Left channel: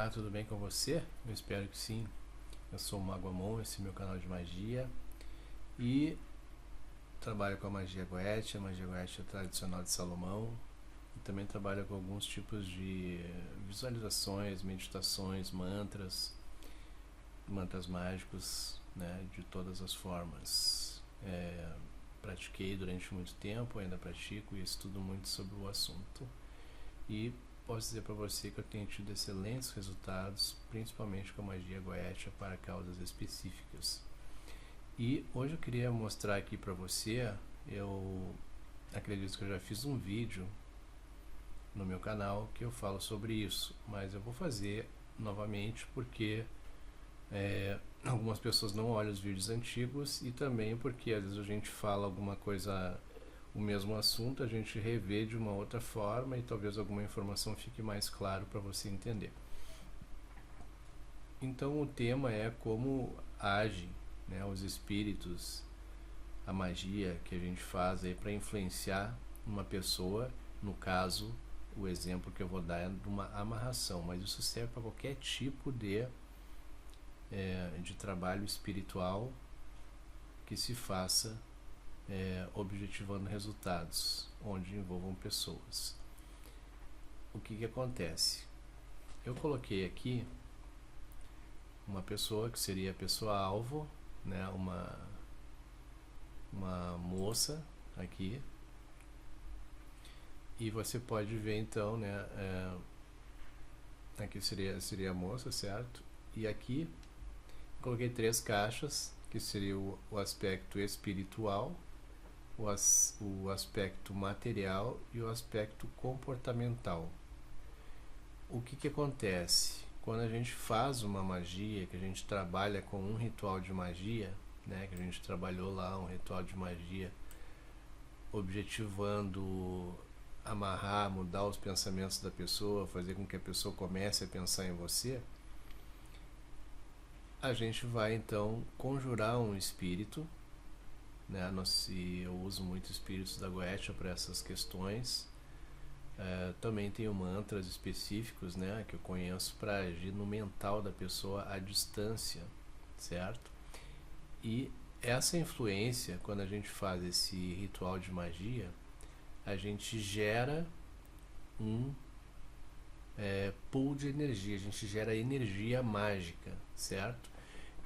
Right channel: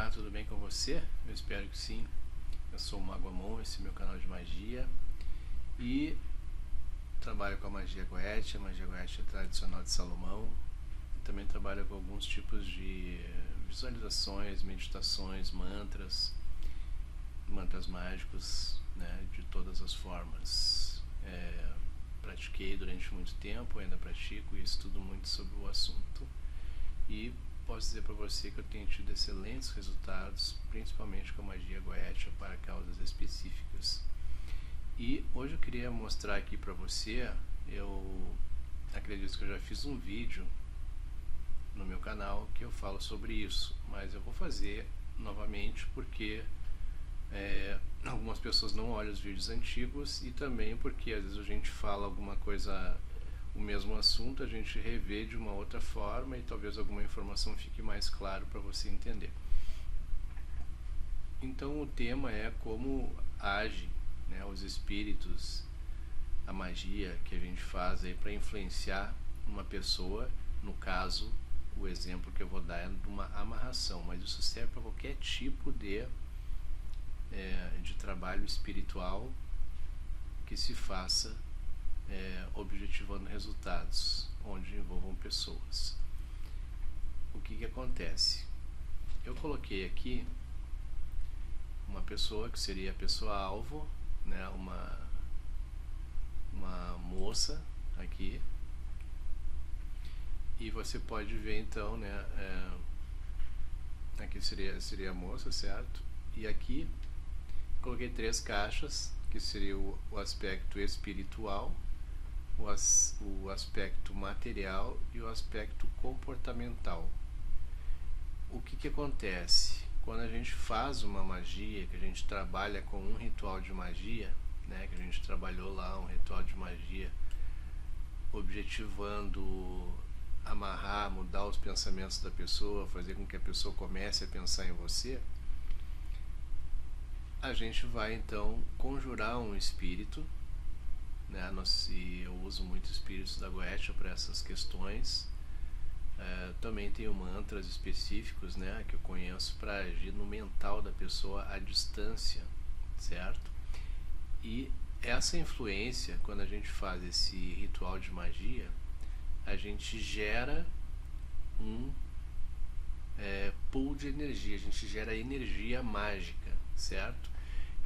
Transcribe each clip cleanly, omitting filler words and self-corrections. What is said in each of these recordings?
Olá, tudo bem com você? Eu espero que sim. Eu sou o Mago Amon, esse é meu canal de magia e trabalho com a magia Goetia. A magia Goetia tradicional de Salomão, e também trabalho com alguns tipos de visualizações, meditações, mantras mágicos, né, de todas as formas. Pratiquei durante muito tempo, ainda pratico e estudo muito sobre o assunto. E posso dizer para você que eu tenho tido excelentes resultados, principalmente com a magia Goetia para causas específicas. E hoje eu queria mostrar aqui para você, eu acredito que eu já fiz um vídeo no meu canal que eu falo sobre isso, mas eu vou fazer novamente porque algumas pessoas não olham os vídeos antigos e também porque às vezes a gente fala alguma coisa, o mesmo assunto, a gente revê de uma outra forma e talvez alguma informação fique mais claro para você entender. Então o tema é como age, né, os espíritos, a magia que a gente faz aí para influenciar uma pessoa. No caso, o exemplo que eu vou dar é de uma amarração, mas isso serve para qualquer tipo de trabalho espiritual que se faça objetivando resultados onde envolvam pessoas. O que acontece? Eu coloquei aqui uma pessoa que seria a pessoa alvo, né, uma moça aqui, e você pode ver então, né, aqui seria a moça, certo? E aqui coloquei 3 caixas, que seria o aspecto espiritual, o aspecto material e o aspecto comportamental. O que acontece? Quando a gente faz uma magia, que a gente trabalha com um ritual de magia, né, que a gente trabalhou lá um ritual de magia objetivando amarrar, mudar os pensamentos da pessoa, fazer com que a pessoa comece a pensar em você, a gente vai então conjurar um espírito, né? Eu uso muito espíritos da Goetia para essas questões. Também tenho mantras específicos, né, que eu conheço para agir no mental da pessoa à distância, certo? E essa influência, quando a gente faz esse ritual de magia, a gente gera um pool de energia, a gente gera energia mágica, certo?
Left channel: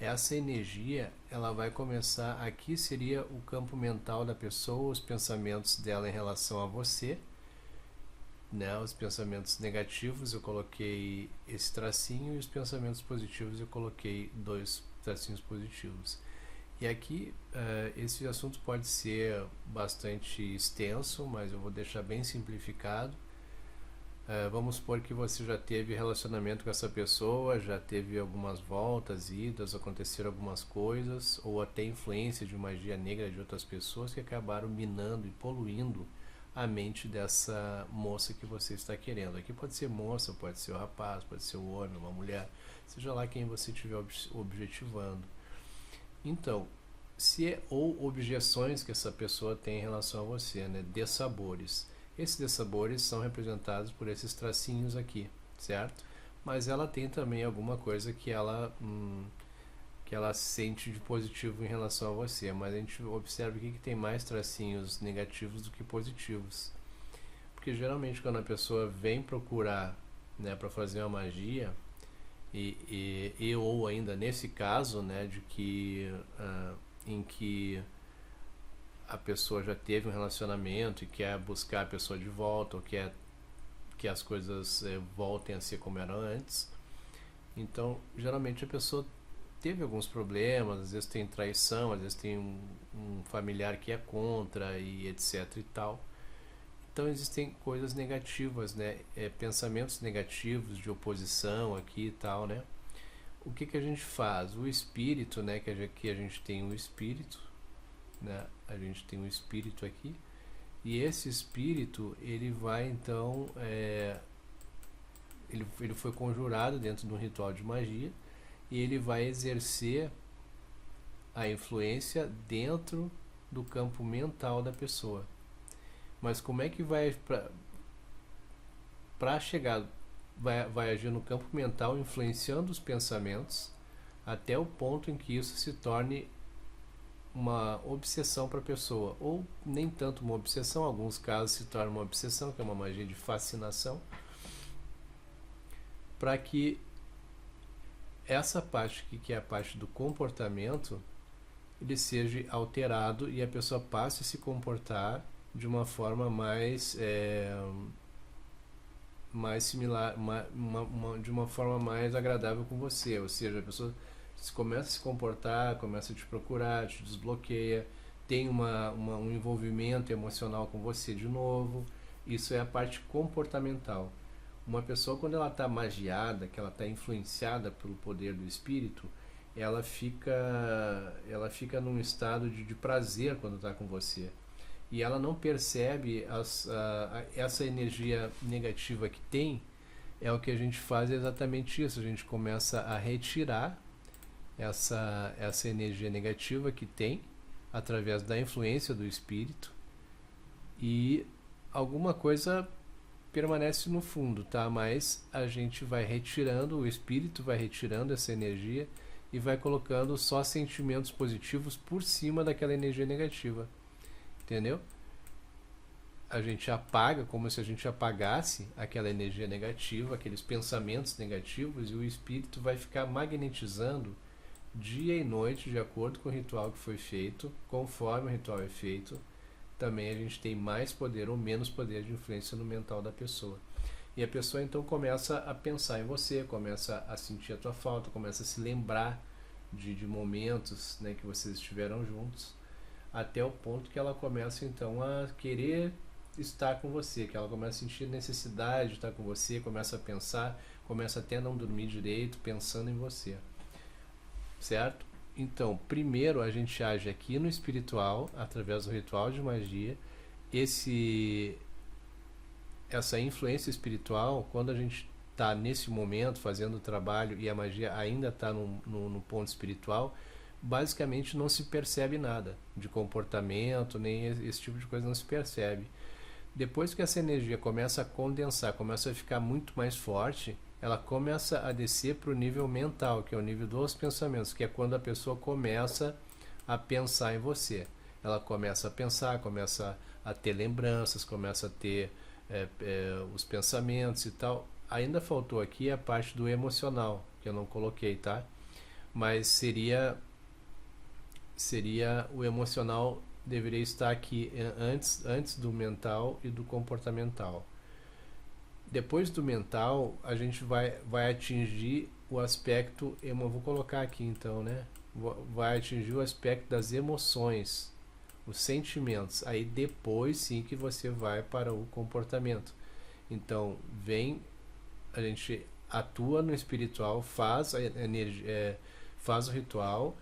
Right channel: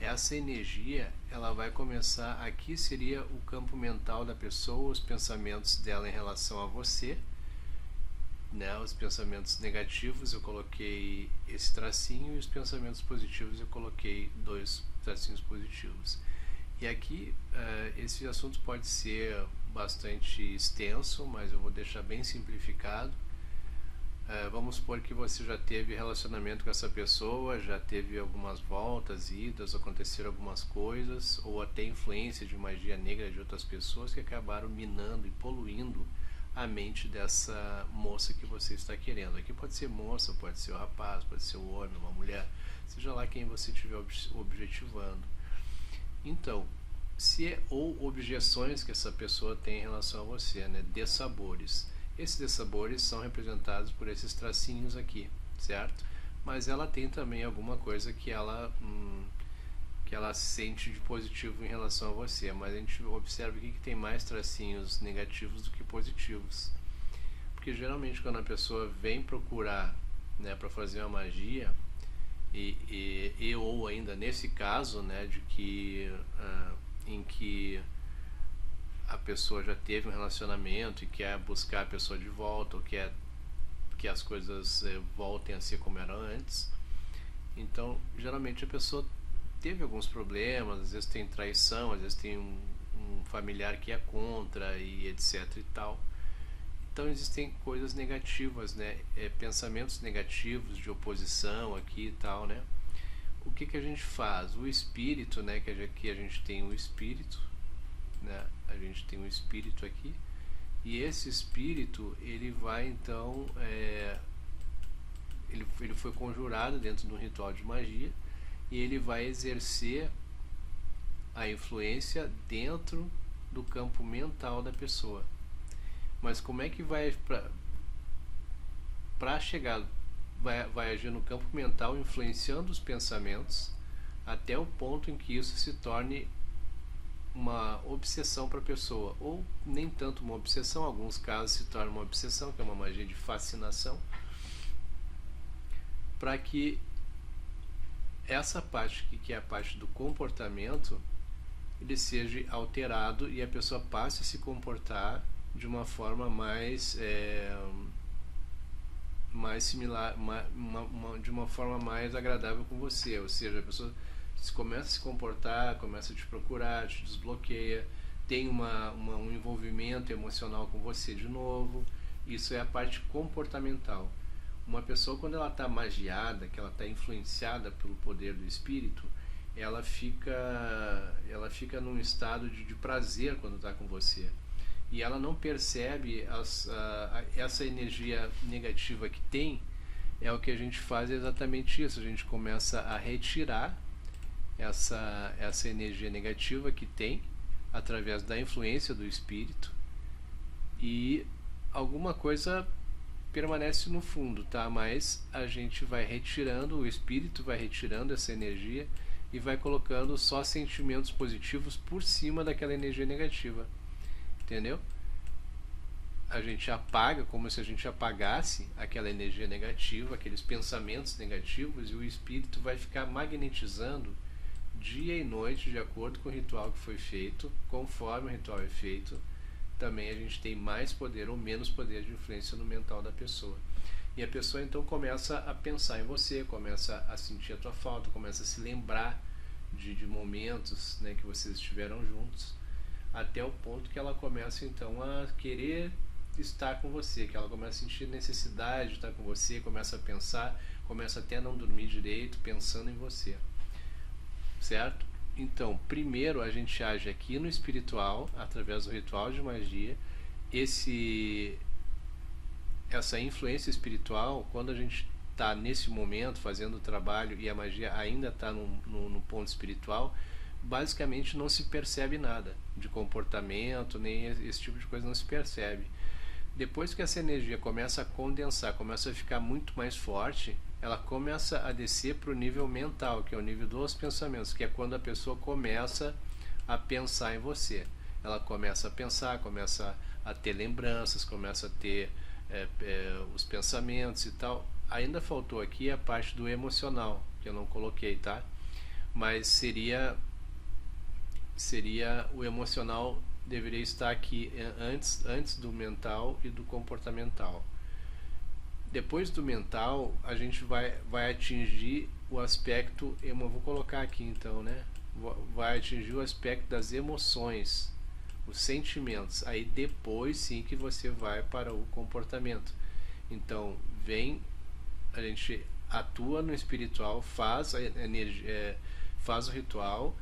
Essa energia, ela vai começar, aqui seria o campo mental da pessoa, os pensamentos dela em relação a você, né? Os pensamentos negativos eu coloquei esse tracinho, e os pensamentos positivos eu coloquei 2 tracinhos positivos. E aqui esse assunto pode ser bastante extenso, mas eu vou deixar bem simplificado. Vamos supor que você já teve relacionamento com essa pessoa, já teve algumas voltas, idas, aconteceram algumas coisas, ou até influência de magia negra de outras pessoas que acabaram minando e poluindo a mente dessa moça que você está querendo. Aqui pode ser moça, pode ser o rapaz, pode ser o homem, uma mulher, seja lá quem você estiver objetivando. Então, ou objeções que essa pessoa tem em relação a você, né? Dessabores. Esses dessabores são representados por esses tracinhos aqui, certo? Mas ela tem também alguma coisa que ela sente de positivo em relação a você, mas a gente observa aqui que tem mais tracinhos negativos do que positivos. Porque geralmente quando a pessoa vem procurar, né, para fazer uma magia, ou ainda nesse caso, né, de que em que a pessoa já teve um relacionamento e quer buscar a pessoa de volta, ou quer que as coisas voltem a ser como eram antes, então geralmente a pessoa teve alguns problemas, às vezes tem traição, às vezes tem um familiar que é contra e etc e tal. Então existem coisas negativas, né? Pensamentos negativos de oposição aqui e tal, né? O que a gente faz? O espírito, né? Que aqui a gente tem um espírito, né? A gente tem um espírito aqui, e esse espírito ele vai então ele foi conjurado dentro de um ritual de magia, e ele vai exercer a influência dentro do campo mental da pessoa. Mas como é que vai para chegar vai agir no campo mental, influenciando os pensamentos, até o ponto em que isso se torne uma obsessão para a pessoa, ou nem tanto uma obsessão, em alguns casos se torna uma obsessão, que é uma magia de fascinação, para que essa parte que é a parte do comportamento, ele seja alterado e a pessoa passe a se comportar de uma forma mais similar, de uma forma mais agradável com você, ou seja, a pessoa começa a se comportar, começa a te procurar, te desbloqueia, tem um envolvimento emocional com você de novo. Isso é a parte comportamental. Uma pessoa, quando ela está magiada, que ela está influenciada pelo poder do espírito, ela fica num estado de prazer quando está com você. E ela não percebe essa energia negativa que tem. É o que a gente faz, é exatamente isso. A gente começa a retirar essa energia negativa que tem através da influência do espírito, e alguma coisa permanece no fundo, tá? Mas a gente vai retirando, o espírito vai retirando essa energia e vai colocando só sentimentos positivos por cima daquela energia negativa, entendeu? A gente apaga, como se a gente apagasse aquela energia negativa, aqueles pensamentos negativos, e o espírito vai ficar magnetizando dia e noite, de acordo com o ritual que foi feito. Conforme o ritual é feito, também a gente tem mais poder ou menos poder de influência no mental da pessoa. E a pessoa então começa a pensar em você, começa a sentir a tua falta, começa a se lembrar de momentos, né, que vocês estiveram juntos, até o ponto que ela começa então a querer estar com você, que ela começa a sentir necessidade de estar com você, começa a pensar, começa até a não dormir direito pensando em você. Certo? Então, primeiro a gente age aqui no espiritual, através do ritual de magia. Essa influência espiritual, quando a gente está nesse momento fazendo o trabalho e a magia ainda está no ponto espiritual, basicamente não se percebe nada de comportamento, nem esse tipo de coisa não se percebe. Depois que essa energia começa a condensar, começa a ficar muito mais forte, ela começa a descer para o nível mental, que é o nível dos pensamentos, que é quando a pessoa começa a pensar em você. Ela começa a pensar, começa a ter lembranças, começa a ter os pensamentos e tal. Ainda faltou aqui a parte do emocional, que eu não coloquei, tá? Mas seria o emocional, deveria estar aqui antes do mental e do comportamental. Depois do mental, a gente vai atingir o aspecto, eu vou colocar aqui então, né? Vai atingir o aspecto das emoções, os sentimentos. Aí depois sim que você vai para o comportamento. Então, a gente atua no espiritual, faz faz o ritual,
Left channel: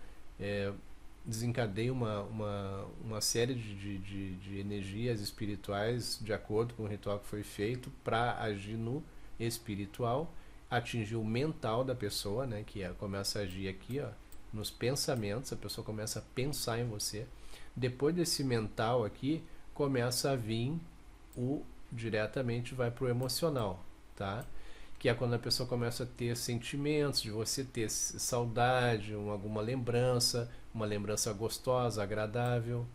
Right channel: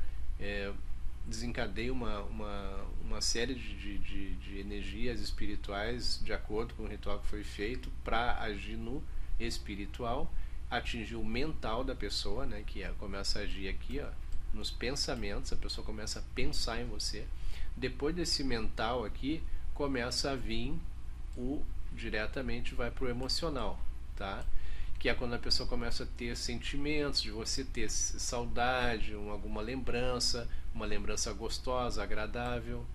desencadeia uma série de energias espirituais de acordo com o ritual que foi feito para agir no espiritual, atingir o mental da pessoa, né, que começa a agir aqui, ó, nos pensamentos. A pessoa começa a pensar em você. Depois desse mental aqui, começa a vir diretamente vai para o emocional, tá? Que é quando a pessoa começa a ter sentimentos de você, ter saudade, alguma lembrança, uma lembrança gostosa, agradável,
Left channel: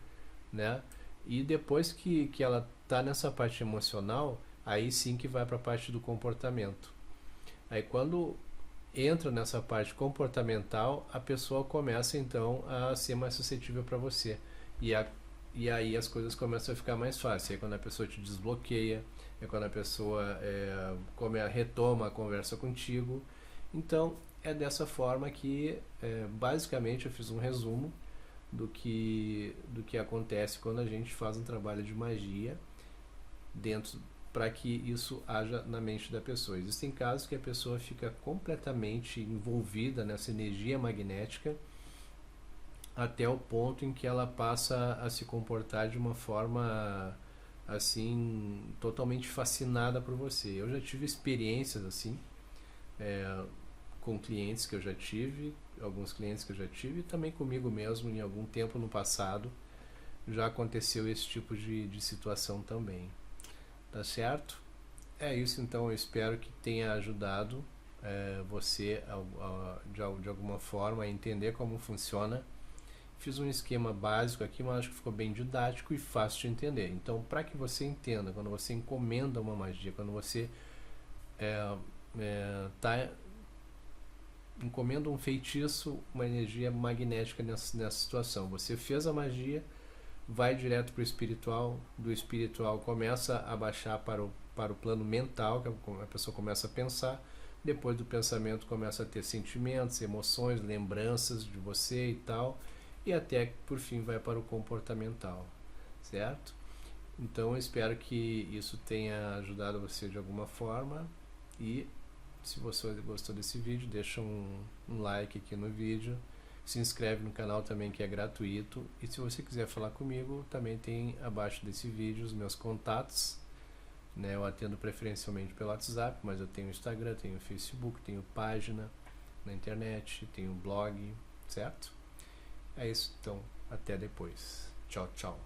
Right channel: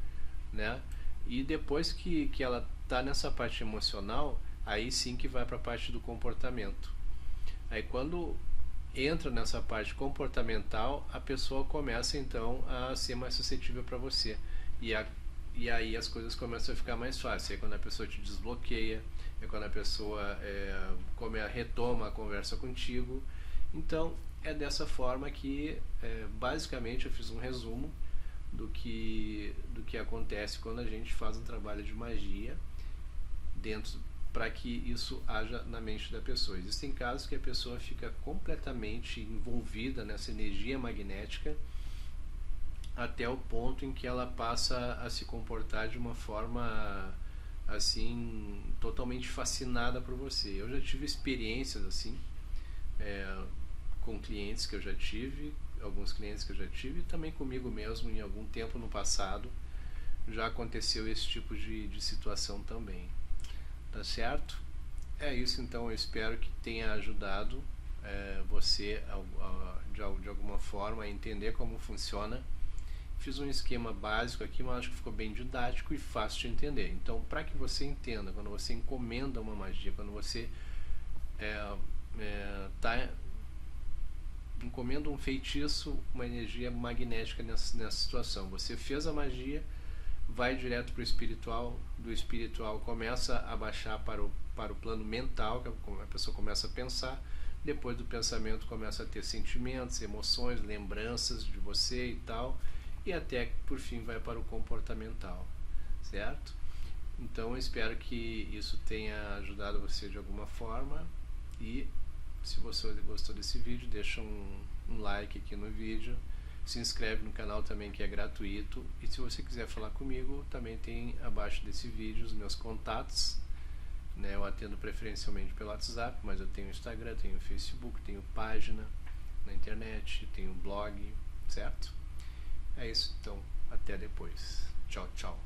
né? E depois que ela está nessa parte emocional, aí sim que vai para a parte do comportamento. Aí quando entra nessa parte comportamental, a pessoa começa então a ser mais suscetível para você. E aí as coisas começam a ficar mais fáceis. Aí quando a pessoa te desbloqueia, é quando a pessoa retoma a conversa contigo. Então é dessa forma que basicamente eu fiz um resumo do que acontece quando a gente faz um trabalho de magia para que isso haja na mente da pessoa. Existem casos que a pessoa fica completamente envolvida nessa energia magnética até o ponto em que ela passa a se comportar de uma forma assim, totalmente fascinada por você. Eu já tive experiências assim, com clientes que eu já tive, alguns clientes que eu já tive, e também comigo mesmo em algum tempo no passado já aconteceu esse tipo de situação também. Tá certo? É isso, então. Eu espero que tenha ajudado você de alguma forma a entender como funciona. Fiz um esquema básico aqui, mas acho que ficou bem didático e fácil de entender. Então, para que você entenda, quando você encomenda uma magia, quando você encomenda um feitiço, uma energia magnética nessa situação. Você fez a magia, vai direto para o espiritual, do espiritual começa a baixar para o plano mental, que a pessoa começa a pensar, depois do pensamento começa a ter sentimentos, emoções, lembranças de você e tal, e até que por fim vai para o comportamental, certo? Então eu espero que isso tenha ajudado você de alguma forma, e se você gostou desse vídeo, deixa um like aqui no vídeo, se inscreve no canal também, que é gratuito, e se você quiser falar comigo, também tem abaixo desse vídeo os meus contatos, né? Eu atendo preferencialmente pelo WhatsApp, mas eu tenho Instagram, tenho Facebook, tenho página na internet, tenho blog, certo? É isso, então, até depois. Tchau, tchau.